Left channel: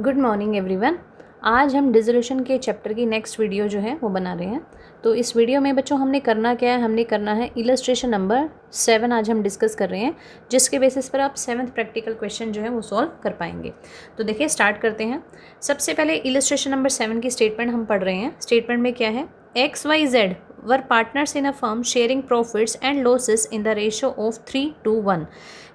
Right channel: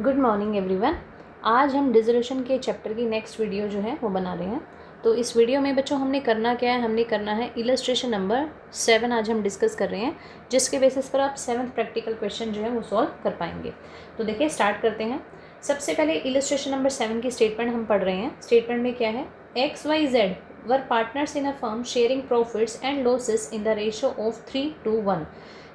Good morning everyone. आज हम dissolution के चैप्टर की नेक्स्ट वीडियो जो है वो बना रहे हैं। तो इस वीडियो में बच्चों हमने करना क्या है, हमने करना है इलस्ट्रेशन नंबर 7 आज हम डिस्कस कर रहे हैं, जिसके बेसिस पर आप 7th प्रैक्टिकल क्वेश्चन जो है वो सॉल्व कर पाएंगे। तो देखिए स्टार्ट करते हैं। सबसे पहले इलस्ट्रेशन नंबर 7 की स्टेटमेंट हम पढ़ रहे हैं। स्टेटमेंट में क्या है, XYZ were partners in a firm sharing profits and losses in the ratio of 3:1।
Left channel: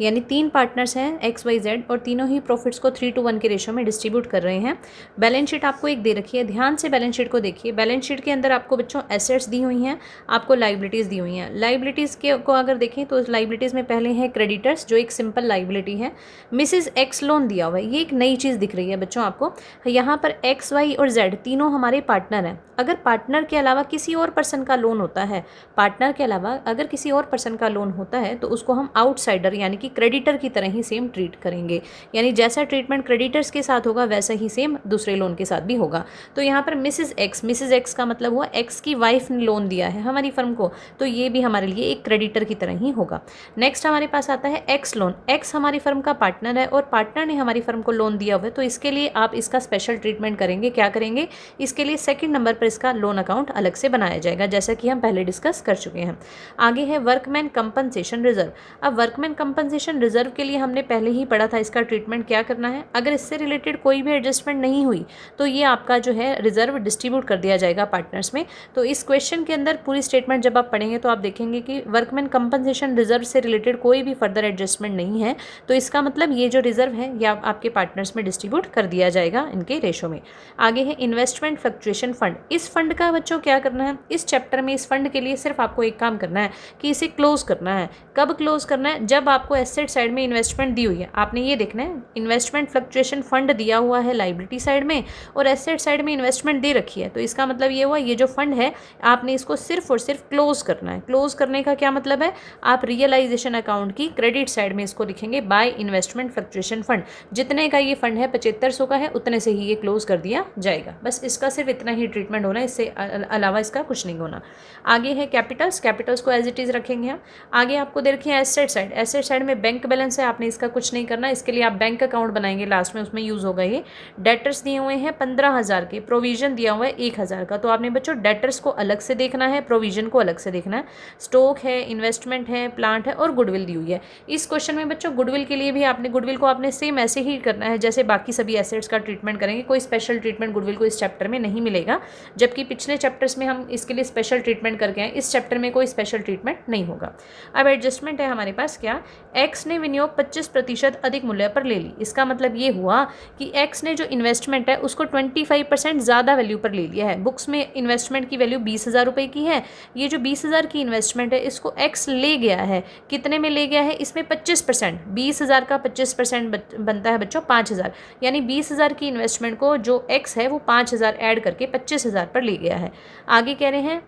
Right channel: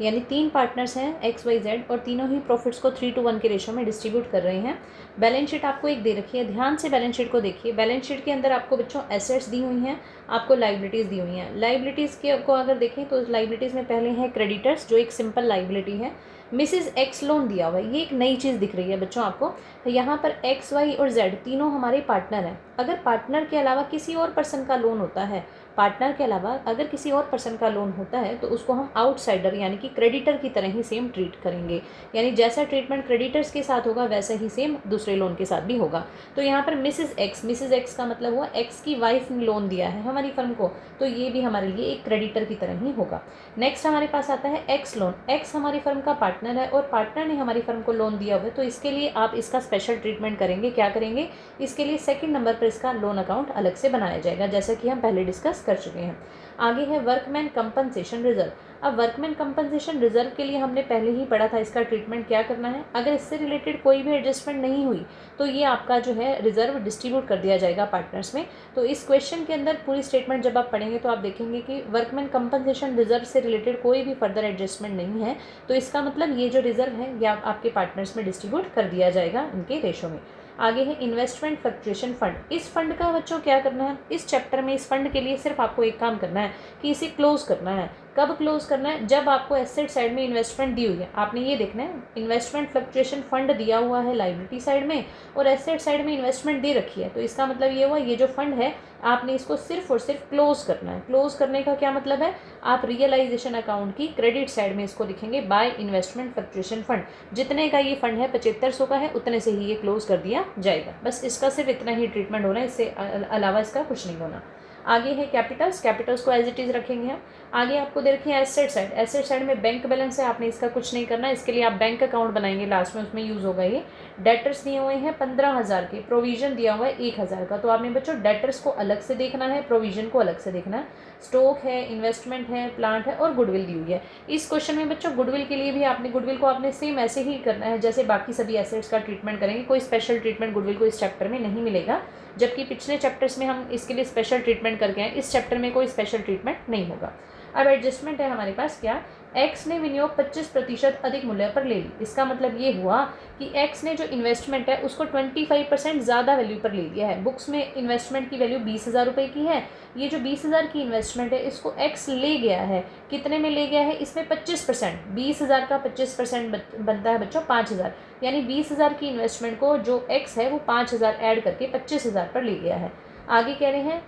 यानी 3 पार्टनर्स हैं XYZ और तीनों ही प्रॉफिट्स को 3:1 के रेशियो में डिस्ट्रीब्यूट कर रहे हैं। बैलेंस शीट आपको एक दे रखी है, ध्यान से बैलेंस शीट को देखिए। बैलेंस शीट के अंदर आपको बच्चों एसेट्स दी हुई हैं, आपको लाइबिलिटीज़ दी हुई हैं। लाइबिलिटीज़ के को अगर देखें तो लाइबिलिटीज़ में पहले है क्रेडिटर्स, जो एक सिंपल लाइबिलिटी है। मिसिज एक्स लोन दिया हुआ है, ये एक नई चीज़ दिख रही है बच्चों आपको। यहाँ पर XY और Z तीनों हमारे पार्टनर हैं। अगर पार्टनर के अलावा किसी और पर्सन का लोन होता है, पार्टनर के अलावा अगर किसी और पर्सन का लोन होता है तो उसको हम आउटसाइडर यानी कि क्रेडिटर की तरह ही सेम ट्रीट करेंगे। यानी जैसा ट्रीटमेंट क्रेडिटर्स के साथ होगा वैसा ही सेम दूसरे लोन के साथ भी होगा। तो यहाँ पर मिसिज एक्स का मतलब हुआ एक्स की वाइफ ने लोन दिया है हमारी फर्म को, तो ये भी हमारे लिए एक क्रेडिटर की तरह ही होगा। नेक्स्ट हमारे पास आता है एक्स लोन। एक्स हमारी फर्म का पार्टनर है और पार्टनर ने हमारी फर्म को लोन दिया हुआ है, तो इसके लिए आप इसका स्पेशल ट्रीटमेंट करेंगे। क्या करेंगे, इसके लिए सेकंड नंबर पर इसका लोन अकाउंट अलग से बनाया जाएगा, जैसा कि हम पहले डिस्कस कर चुके हैं। आगे है वर्कमैन कंपनसेशन रिजर्व। अब वर्कमैन कंपनसेशन रिजर्व के लिए हमने पहले ही पढ़ा था इसका ट्रीटमेंट क्या करना है। अगर इससे रिलेटेड कोई भी एडजस्टमेंट नहीं हुई तो ये आपका जो है रिजर्व डिस्ट्रीब्यूट कर दिया जाएगा पार्टनर्स में। तो इस क्वेश्चन के अंदर पूरी स्टेटमेंट जब आप पढ़ेंगे तो आप देखेंगे कि वर्कमैन कंपनसेशन रिजर्व से रिलेटेड कोई भी फर्दर एडजस्टमेंट नहीं है, तो इसका मतलब ये जो रिजर्व है ये आपके पार्टनर्स में डिस्ट्रीब्यूट कर दिया जाएगा इनके रेशो में। आगे है इन्वेस्टमेंट फ्लक्चुएशन फंड। इस फंड का बच्चों क्या करना है, इस चैप्टर में इस फंड के लिए सिर्फ आपको एक काम करना है कि इसे क्लोज करना है। कब क्लोज करना है, जब आपको एसेट साइड में इन्वेस्टमेंट दी हुई है। आपने ये देखना है इन्वेस्टमेंट फ्लक्चुएशन फंड दिया हुआ है लाइबिलिटी साइड में और एसेट साइड में इन्वेस्टमेंट दे रखी है, तो इसका मतलब ये हुआ ये जो फंड है आपने इसको सिर्फ और सिर्फ क्लोज करना है। क्लोज करने का क्या मतलब है, आप रियलाइजेशन अकाउंट की क्रेडिट साइड में इसको लिखेंगे बाय इन्वेस्टमेंट फ्लक्चुएशन फंड। जितने का ये फंड है 7500 का है, उतने से ही ये क्लोज कर दिया जाएगा। बस इसका सिर्फ इतना ही ट्रीटमेंट होना है, इससे अलावा इसका कुछ नहीं होना। आगे है कैपिटल्स। कैपिटल्स को एज इट इज़ रखेंगे हम। आगे आपको दे रखी है एसेट साइड। एसेट साइड में बैंक बैलेंस है, आपने इसका कुछ नहीं करना, इसके लिए आप बैंक अकाउंट बनाएंगे लास्ट में, उसमें यूज़ होगा ये। डेटर्स दिए हुए हैं 15,000 के, प्रोविजन दिया हुआ है 1,000 का, तो आपने बच्चों डेटर्स को अलग से देखना है, प्रोविजन को अलग से देखना है। स्टॉक है, इन्वेस्टमेंट है, प्लांट है और गुडविल दी हुई है। इस क्वेश्चन में बच्चों गुडविल के लिए भी आपने गुडविल को आपने सेम ऐसे ही करना है जैसे बाकी सभी एसेट्स का ट्रीटमेंट करेंगे। कोई स्पेशल ट्रीटमेंट गुडविल को इस चैप्टर में नहीं मिलेगा, जबकि पिछले चैप्टर्स में हम इसके लिए स्पेशल ट्रीटमेंट करके हैं, इस चैप्टर में कोई स्पेशल ट्रीटमेंट नहीं होगा। अब एडजस्टमेंट है हमारे पास क्या, एक्स ने विनियोग 25% अधिक मूल्य पर ले ली। इसका मतलब ये हुआ कि एक्स ने जो इन्वेस्टमेंट है उसको 25% ज़्यादा वैल्यू पर ले लिया है। बुक्स में इन्वेस्टमेंट की वैल्यू 20,000 रुपये की है, ये जो 20,000 की इन्वेस्टमेंट है इसको एक्स ले गया है। कितने में ले गया है, इसमें 25%, 20,000 का 25% बनता है बच्चों 5,000। यानी 20,000 की इन्वेस्टमेंट को जो एक्स है वो 5,000 ऐड करके 25,000 पर ले गया है। आगे कह रहे हैं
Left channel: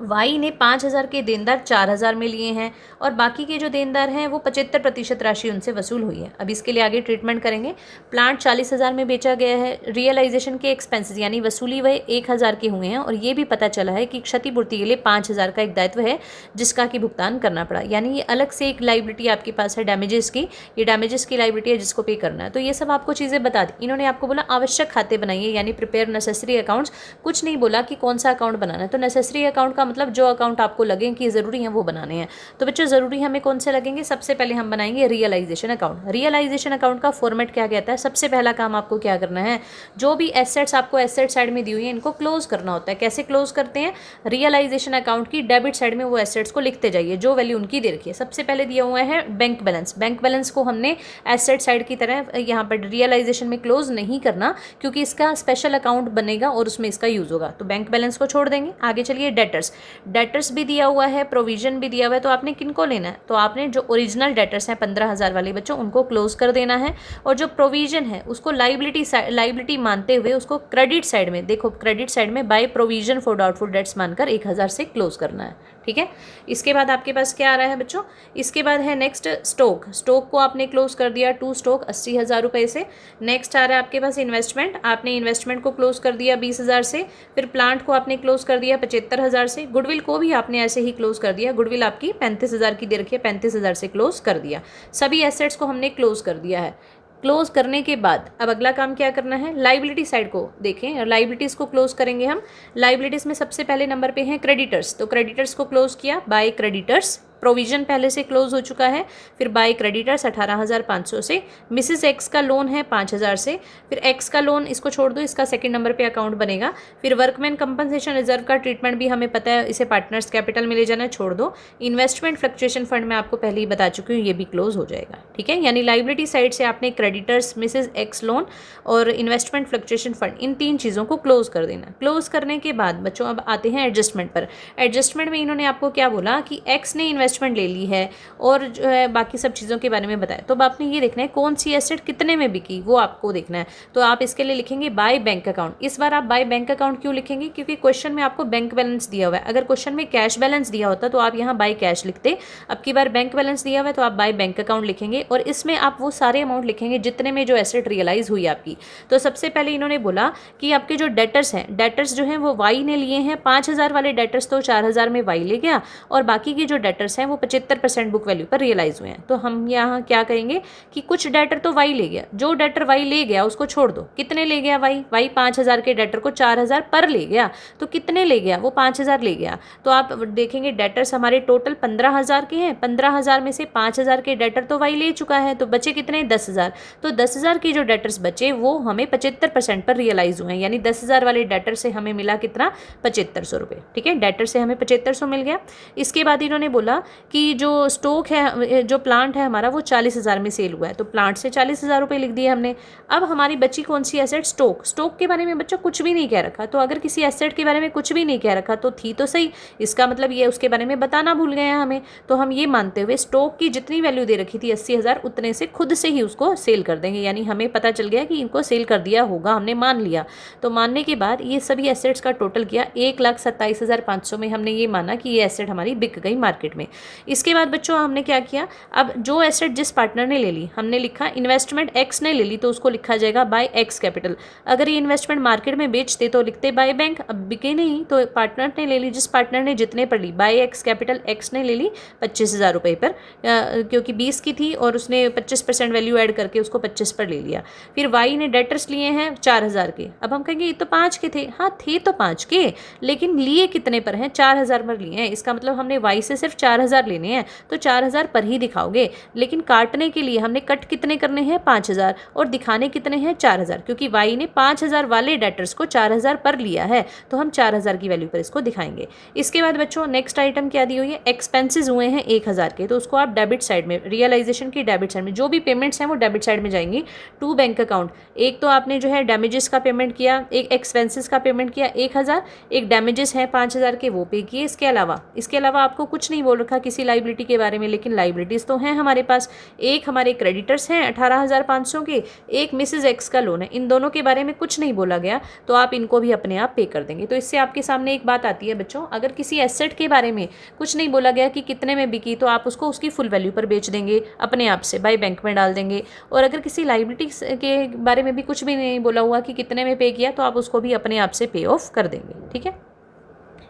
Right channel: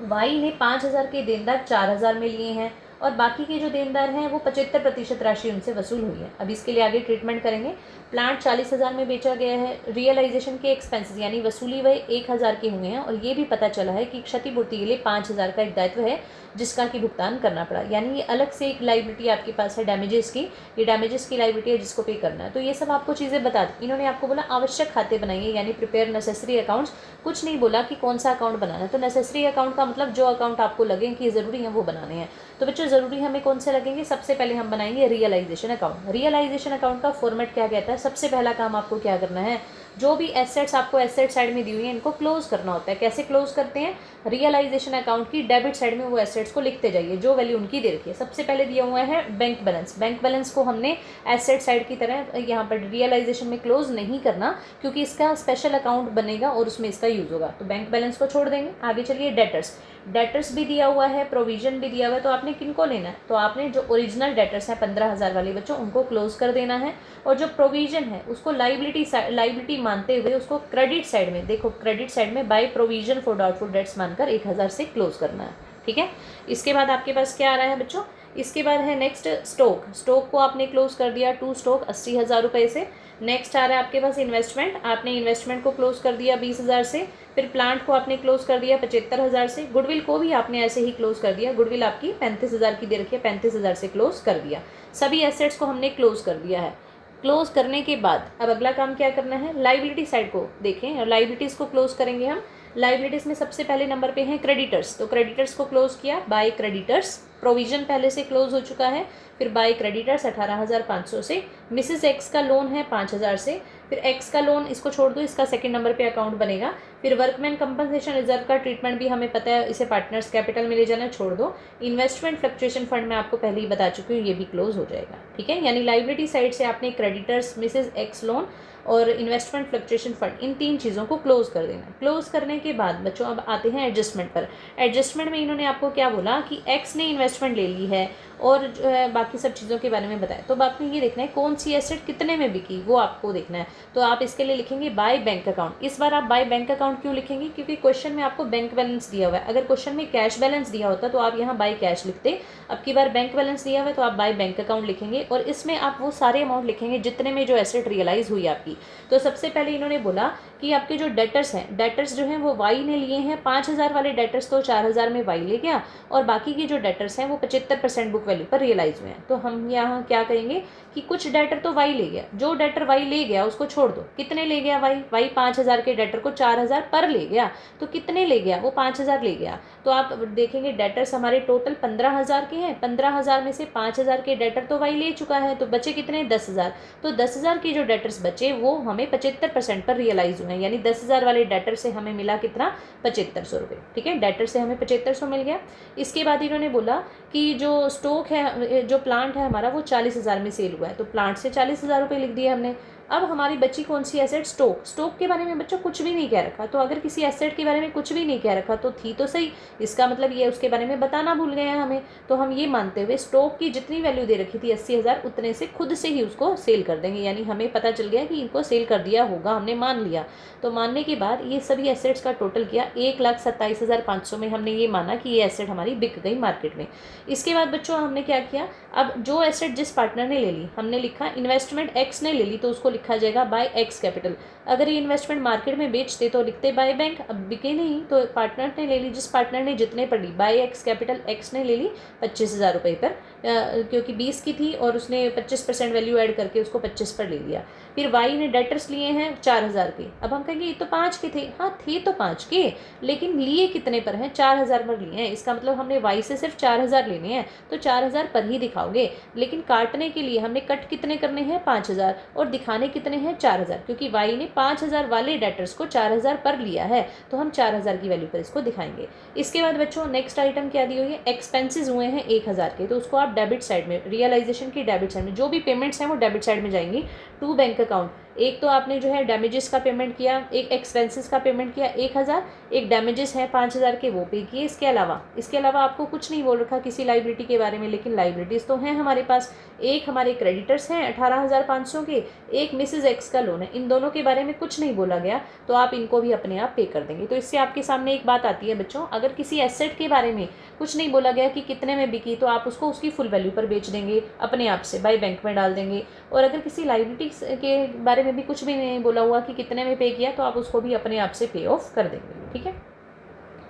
वाई ने 5,000 के देनदार 4,000 में लिए हैं और बाकी के जो देनदार हैं वो 75% राशि उनसे वसूल हुई है। अब इसके लिए आगे ट्रीटमेंट करेंगे। प्लांट 40,000 में बेचा गया है। रियलाइजेशन के एक्सपेंसेस यानी वसूली वह 1,000 के हुए हैं और ये भी पता चला है कि क्षतिपूर्ति के लिए 5,000 का एक दायित्व है जिसका कि भुगतान करना पड़ा। यानी ये अलग से एक लाइबिलिटी आपके पास है डैमेजेस की, ये डैमेजेस की लाइबिलिटी है जिसको पे करना है। तो ये सब आपको चीज़ें बता दी। इन्होंने आपको बोला आवश्यक खाते बनाइए, यानी प्रिपेयर नेसेसरी अकाउंट्स। कुछ नहीं बोला कि कौन सा अकाउंट बनाना है। तो नेसेसरी अकाउंट का मतलब जो अकाउंट आपको लगे कि ज़रूरी हैं वो बनाने हैं। तो बच्चों ज़रूरी हमें कौन से लगेंगे, सबसे पहले हम बनाएंगे रियलाइजेशन अकाउंट। रियलाइजेशन अकाउंट का फॉर्मेट क्या कहता है, सबसे पहला काम आपको क्या करना है, जो भी एसेट्स आपको एसेट साइड में दी हुई है इनको क्लोज करना होता है। कैसे क्लोज करते हैं, रियलाइजेशन अकाउंट की डेबिट साइड में वो एसेट्स को लिखते जाइए जो वैल्यू उनकी दे रखी है। सबसे पहले दिया हुआ है बैंक बैलेंस। बैंक बैलेंस को हमने एसेट साइड की तरह यहाँ पर रियलाइजेशन में क्लोज नहीं करना, क्योंकि इसका स्पेशल अकाउंट बनेगा और उसमें इसका यूज़ होगा, तो बैंक बैलेंस को छोड़ देंगे। आगे चलिए डेटर्स। डेटर्स भी दिया हुआ है, प्रोविजन भी दिया हुआ है, तो आपने किनको लेना है, तो आपने जो ओरिजिनल डेटर्स हैं 15,000 वाले बच्चों उनको क्लोज कर देना है और जो प्रोविजन है उसको लाइबिलिटी मानते हुए उसको क्रेडिट साइड में, देखो क्रेडिट साइड में by provision for doubtful debts मानकर 1,000 से क्लोज करना है। ठीक है, इसके बाद आपके पास क्या आ रहा है बच्चों, इसके बाद है नेक्स्ट स्टॉक। स्टॉक को आपने क्लोज कर दिया, 2 स्टॉक 80,000 रुपये से। नेक्स्ट आ रहा है आपके पास इन्वेस्टमेंट, आपने इन्वेस्टमेंट को क्लोज कर दिया 20,000 से। फिर प्लांट को आपने क्लोज कर दिया 75,000 से। गुडविल को भी आपने ऐसे ही क्लोज कर दिया, गुडविल आपकी 35,000 की दे रखी है, 35,000 से क्लोज कर दिया। सभी एसेट्स को हमने क्लोज कर दिया है। क्लोज करने के बाद अब अगला काम क्या करना है, लाइबिलिटी साइड को देखें और लाइबिलिटीज़ को क्लोज करेंगे हम। लाइबिलिटीज़ में सबसे पहले नंबर पे है क्रेडिटर्स, तो क्रेडिटर्स को क्लोज किया बाय क्रेडिटर्स। प्रोविजन पहले से क्लोज हो चुका है, फिर बाय क्रेडिटर्स 18,500 से। मिसेस एक्स का लोन है 5,000 से, फिर एक्स का लोन इसको छोड़ दो, इसका सेकंड नंबर पे अकाउंट बनेगा। फिर वर्कमैन कंपनसेशन रिजर्व का ट्रीटमेंट भी हमें पता है, इसे पार्टनर्स कैपिटल में ले जाना है, छोड़ दो। इन्वेस्टमेंट फ्लक्चुएशन फंड में आपको पहले ही बता चुकी हूँ, ये भी क्लोज हो जाएगा। ठीक है, यानी लाइबिलिटी साइड से आपने क्रेडिटर्स, मिसेस एक्स लोन और इन्वेस्टमेंट फ्लक्चुएशन फंड, इन 3 चीज़ों को क्लोज कर देना। क्लोज करने के बाद बच्चों अब आते हैं एडजस्टमेंट पर। एडजस्टमेंट में इन्होंने आपको क्या बोला कि एक्स ने इन्वेस्टमेंट ले ली है और जो है बाकी सब चीज़ों के बारे में बताया। तो अब आपने ये देखना है कौन सी एसेट कितने में बिकी, वो आपको देखना है। तो आप इसके लिए लिखेंगे बाय बैंक अकाउंट। इस बार आप बाय बैंक अकाउंट क्यों लिखेंगे, क्योंकि क्वेश्चन में आपको बैंक बैलेंस दिया हुआ है। अगर क्वेश्चन में कैश बैलेंस दिया होता तो आप यहाँ बाय कैश लिखते, अब की बार बैंक बैलेंस दिया हुआ है तो आप बाय बैंक अकाउंट लिखेंगे और इसमें आप वो सारे अमाउंट लिखेंगे जितने में जो एसेट रियलाइज हुई आपकी। तो सबसे पहले इन्होंने बोला कि आपके जो डेटर्स हैं, डेटर्स जो हैं वो वाई ने लिए हैं। 5,000 वाले डेटर्स तो 4,000 में वाई ले गया और बाकी की जो डेटर्स हैं वो 75% बुक वैल्यू पर रियलाइज हुए हैं। तो हम यहाँ क्या करेंगे कि कुछ डेटर तो वाई ले गया, जो डेटर वाई ले गया उसको छोड़ दो। कितने ले गया वाई, वाई 5,000 के डेटर को 4,000 पर ले गया, तो कितने ले गया, वो 5,000 ले गया। तो आप देखेंगे डेटर्स हमारे टोटल 15,000 के हैं। 15,000 में से 5,000 के डेटर तो वाई ले चुका है, तो बचे कितने, 10,000। तो 10,000 की जो डेटर्स बचे वो हमें 75% पर रियलाइज हुए हैं, यानी 10,000 वाले डेटर से हमें मिला कितना, 7,500 रुपये। ठीक है, डेटर से हमें 7,500 मिल गया। इसके बाद इन्होंने बोला कि जो स्टॉक है, जो प्लांट है हमारा, वो 40,000 में सेल हुआ है, तो प्लांट से 40,000 रुपये लिख दिए हमने। अब हमारी बची कौन सी एसेट, स्टॉक। स्टॉक के बारे में बच्चों कुछ भी नहीं कह रखा, तो अगर किसी एसेट के बारे में कुछ भी नहीं कह रखा तो थी तो सही, इसका मतलब ये उसके बारे में बताना भूल गए हैं हमें। तो हम ये मानते हुए स्टॉक की जितनी वैल्यू दे रखी थी 80,000, उतने से खुद से ही उसको सेल कर देंगे, यानी हमें पता चल गया कि इनको सेल कर दिया होगा, हमने मान लिया। तो मानने के बाद ये सभी एसेट्स का टोटल किया 1,27,500 में, हमने ये माना कि ये एसेट हमारी बिक गई मार्केट में। इसके बाद बच्चों हमने क्या किया, अब जो एसेट जिस पार्टनर ने ले ली, हमने लिखा इन्वेस्टमेंट एक्स ने ले ली तो उसको लिखा जाएगा बाय एक्स कैपिटल। अगर ये इन्वेस्टमेंट मार्केट में बेचते तो लिखते बाय बैंक, अब बिके नहीं तो पार्टनर ने ले ली, जिस पार्टनर ने जितने पर ली, बाय एक्स कैपिटल, एक्स ने ले ली 25,000 रुपये पर, क्योंकि 20 की थी और उसने 25% वैल्यू ऐड करके उसको 25 पर ले लिया। फिर वाई ने डेटर्स लिए हैं 4,000 के। अब हम कहेंगे ये तो 5 के थे, हाँ थे तो 5 के, लेकिन लिए कितने पर हैं, 4,000 पर लिए हैं। इसका मतलब हमने वाई से सिर्फ 4,000 लेने हैं, तो 4,000 पर ही दिखाओगे। लेकिन काटने के लिए हमने कट कितने करने हैं, 5,000, और दिखाने कितने हैं, 4,000, क्योंकि वाई ने 5,000 वाले डेटर्स को 4,000 पर लिया है, तो हम 4,000 की वैल्यू पर इसको दिखाएंगे। इसके बाद बच्चों नेक्स्ट आइटम क्या दी हुई है, एक्सपेंसेस हुए हैं 1,000 के, तो उसको आप डेबिट साइड में, रियलाइजेशन की डेबिट साइड में, जो भी पेमेंट्स हैं वो डेबिट साइड में जाएंगी टू बैंक अकाउंट। एक तो आपने जो है डैमेजेस का पेमेंट किया, एक एक्सपेंसेस का पेमेंट किया 1,000, एक डैमेजेस है 5,000 के, वो पे किए। इसके अलावा आपको कुछ नहीं बोल रखा किसी लाइबिलिटी के बारे में, लेकिन लाइबिलिटीज़ तो हैं हमारे पास। एक हमारे क्रेडिटर्स हैं 18,500 के, एक मिसेज एक्स का लोन है, इन दोनों के बारे में कुछ नहीं बोला गया, तो आप इनको भी अपने आप पे कर देंगे। तो इससे आपके सामने एक बात आती है बच्चों, अगर किसी एसेट के बारे में कुछ नहीं बोला गया कि कितने में बिकी, तो आप उसको उसकी फुल वैल्यू पर बेच देंगे, अपने आप से बाय बैंक में डाल देंगे। और अगर किसी लाइबिलिटी के बारे में भी कुछ भी नहीं बोला हुआ कि कितने में पे किया, तो आप उसको भी अपने आप से पे ऑफ कर देंगे। ठीक है,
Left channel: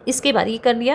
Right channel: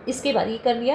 इसके बाद ये कर लिया,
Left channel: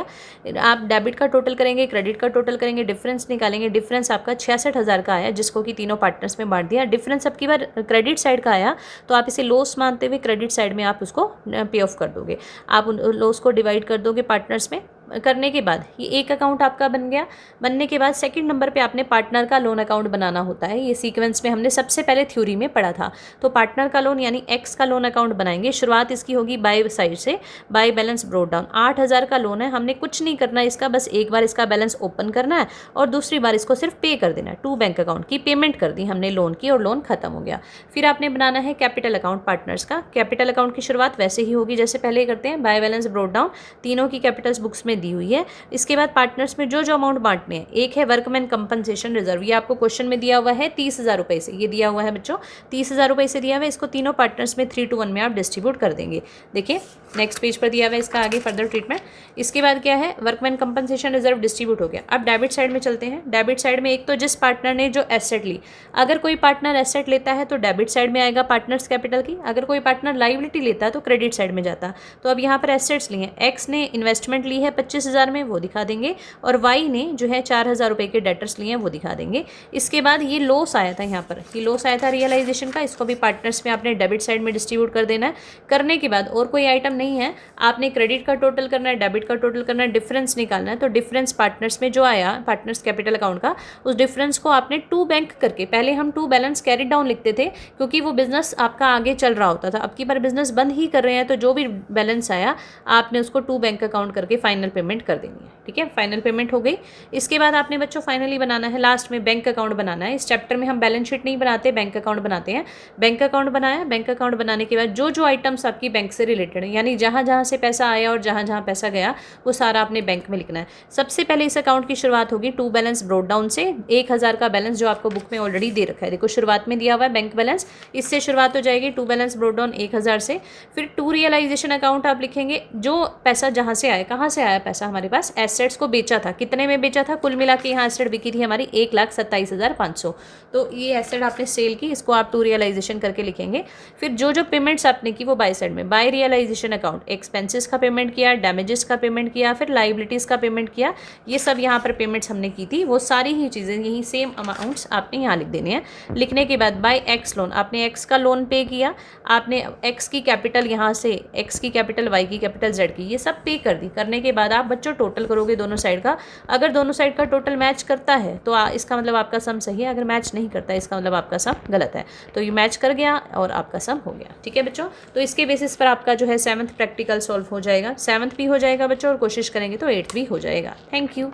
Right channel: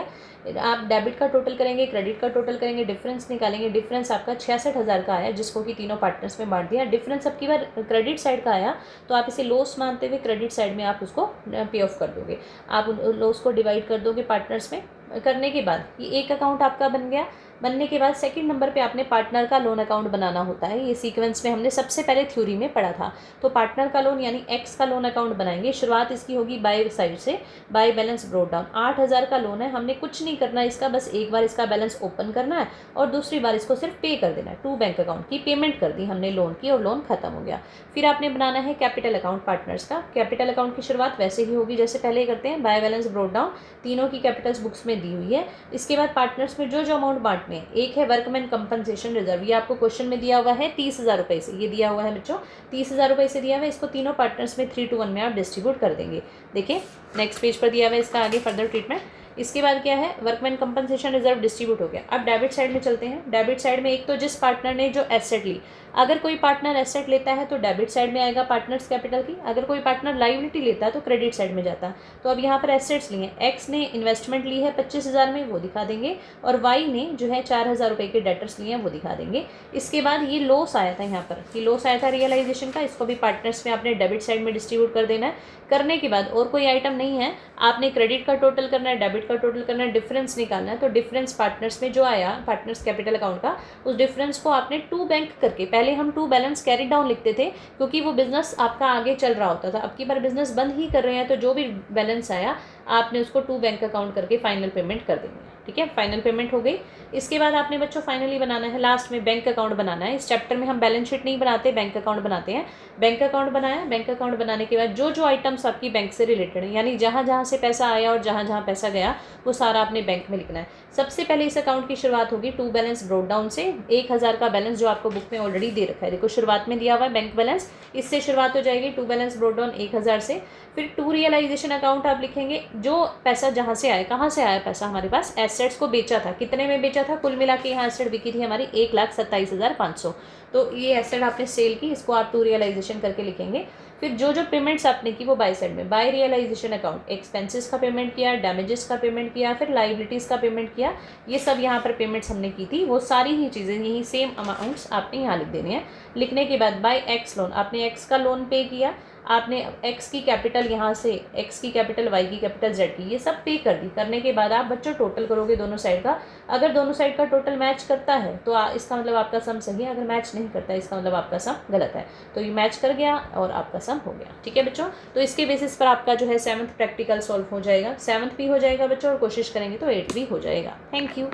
आप डेबिट का टोटल करेंगे, क्रेडिट का टोटल करेंगे, डिफरेंस निकालेंगे। डिफरेंस आपका 66,000 का आया, जिसको कि तीनों पार्टनर्स में बांट दिया। डिफरेंस अब की बार क्रेडिट साइड का आया, तो आप इसे लॉस मानते हुए क्रेडिट साइड में आप उसको पे ऑफ कर दोगे। आप उन लॉस को डिवाइड कर दोगे पार्टनर्स में। करने के बाद ये एक अकाउंट आपका बन गया। बनने के बाद सेकंड नंबर पे आपने पार्टनर का लोन अकाउंट बनाना होता है। ये सीक्वेंस में हमने सबसे पहले थ्योरी में पढ़ा था। तो पार्टनर का लोन यानी एक्स का लोन अकाउंट बनाएंगे। शुरुआत इसकी होगी बाय साइड से, बाय बैलेंस ब्रोट डाउन। 8,000 का लोन है, हमने कुछ नहीं करना है इसका, बस एक बार इसका बैलेंस ओपन करना है और दूसरी बार इसको सिर्फ पे कर देना है। टू बैंक अकाउंट की पेमेंट कर दी हमने लोन की और लोन खत्म हो गया। फिर आपने बनाना है कैपिटल अकाउंट पार्टनर्स का। कैपिटल अकाउंट की शुरुआत वैसे ही होगी जैसे पहले करते हैं, बाय बैलेंस ब्रोट डाउन। तीनों की कैपिटल्स बुक्स में दी हुई है। इसके बाद पार्टनर्स में जो जो अमाउंट बांटने हैं, एक है वर्कमैन कंपनसेशन रिजर्व, ये आपको क्वेश्चन में दिया हुआ है 30,000 रुपये से, ये दिया हुआ है बच्चों 30,000 रुपये से दिया हुआ है। इसको तीनों पार्टनर्स में 3:1 में आप डिस्ट्रीब्यूट कर देंगे। देखिए नेक्स्ट पेज पर दिया हुआ है इसका आगे फर्दर ट्रीटमेंट। इसके बाद क्या है, वर्कमैन कंपनसेशन रिजर्व डिस्ट्रीब्यूट हो गया। अब डेबिट साइड में चलते हैं। डेबिट साइड में एक तो जिस पार्टनर ने जो एसेट ली, अगर कोई पार्टनर एसेट लेता है तो डेबिट साइड में आएगा पार्टनर्स कैपिटल की, अगर कोई पार्टनर लाइबिलिटी लेता है तो क्रेडिट साइड में जाता। तो अब यहाँ पर एसेट्स ली हैं, एक्स ने इन्वेस्टमेंट ली है 25,000 में, वो दिखा देंगे, और वाई ने जो है 4,000 रुपये के डेटर्स लिए हैं वो दिखा देंगे। इसके बाद ये लॉस आया था यहाँ पर, कि लॉस आया था रियलाइजेशन का, इसको भी पार्टनर्स में आपने डेबिट साइड में डिस्ट्रीब्यूट कर देना है। करने के बाद और कोई आइटम नहीं है, आपने क्रेडिट का टोटल करना है, डेबिट का टोटल करना है, डिफरेंस निकालना है। तो डिफरेंस पार्टनर्स में जो आया पार्टनर्स कैपिटल अकाउंट का, उस डिफरेंस को आपने टू बैंक करके, पहले हम टू बैलेंस कैरी डाउन लिखते थे क्योंकि वो बिजनेस आपका आगे चल रहा होता था, अब की बार बिजनेस बंद ही कर रहे हैं, तो जो भी बैलेंस आया आपने उसको टू बैंक अकाउंट करके फाइनल पेमेंट कर देंगे। ठीक है, फाइनल पेमेंट हो गई। इसके बाद आपने बच्चों फाइनली बनाना है लास्ट में बैंक अकाउंट बनाना है। इस चैप्टर में हम बैलेंस शीट नहीं बनाते, बैंक अकाउंट बनाते हैं। बैंक अकाउंट बनाया, बैंक अकाउंट बनाने के बाद जो जो आइटम्स आपकी बैंक से रिलेटेड है, यानी जहाँ जहाँ से पैसा आया और जहाँ जहाँ पैसा गया, वो सारा आपने बैंक में लिखना है। सबसे पहले इस अकाउंट की शुरुआत होगी टू बैलेंस ब्रोड डाउन से। 1,000 का बैलेंस जो आपको बुक में ऑलरेडी दे रखा है, देखो शुरुआत में दिया हुआ है बैंक बैलेंस, इससे शुरुआत हो जाएगी टू बैलेंस ब्रोड डाउन 1,000 से। फिर टू रियलाइजेशन अकाउंट आप लिखेंगे, जो पैसा जहाँ से आया, कहाँ से आया पैसा, हमारे पास एसेट्स को बेचा था, कितने में बेचा था, कुल मिला के यहाँ एसेट बिकी थी हमारी 1,27,500, तो ये एसेट आपने सेल की, इसको आप टू रियलाइजेशन करके लिखेंगे। फिर जो जो पेमेंट्स आपने की वो बाय साइड में, बाय रियलाइजेशन अकाउंट एक्सपेंसेस का पेमेंट किया, डैमेजेस का पेमेंट किया, फिर लाइबिलिटीज़ का पेमेंट किया, ये सब यहाँ पर पेमेंट्स हमने की थी, वो सारी ही चीज़ें यही सेम अमाउंट्स आपने यहाँ लिख देने हैं। लिखने के बाद बाय एक्स लोन, आपने एक्स का लोन पे किया, आपने एक्स की कैपिटल यहाँ से, एक्स की कैपिटल, वाई की कैपिटल, जेड की, ये सब पे कर दी। करने के बाद आप बच्चों टोटल करोगे दोनों साइड का, अगर दोनों साइड का टोटल मैच करता है तो इसका मतलब आपका सम सही है, अगर मैच नहीं करता है इसका मतलब आपका सम गलत है। तो ये मैच कर गया और आपका सम हो गया। ठीक है बच्चों, तो इसके बेसिस पर आपका जो है 7th प्रैक्टिकल सॉल्व हो जाएगा, 7th भी हो जाएगा बच्चों, और कोशिश करेंगे तो 8th भी हो जाएगा। Thank you.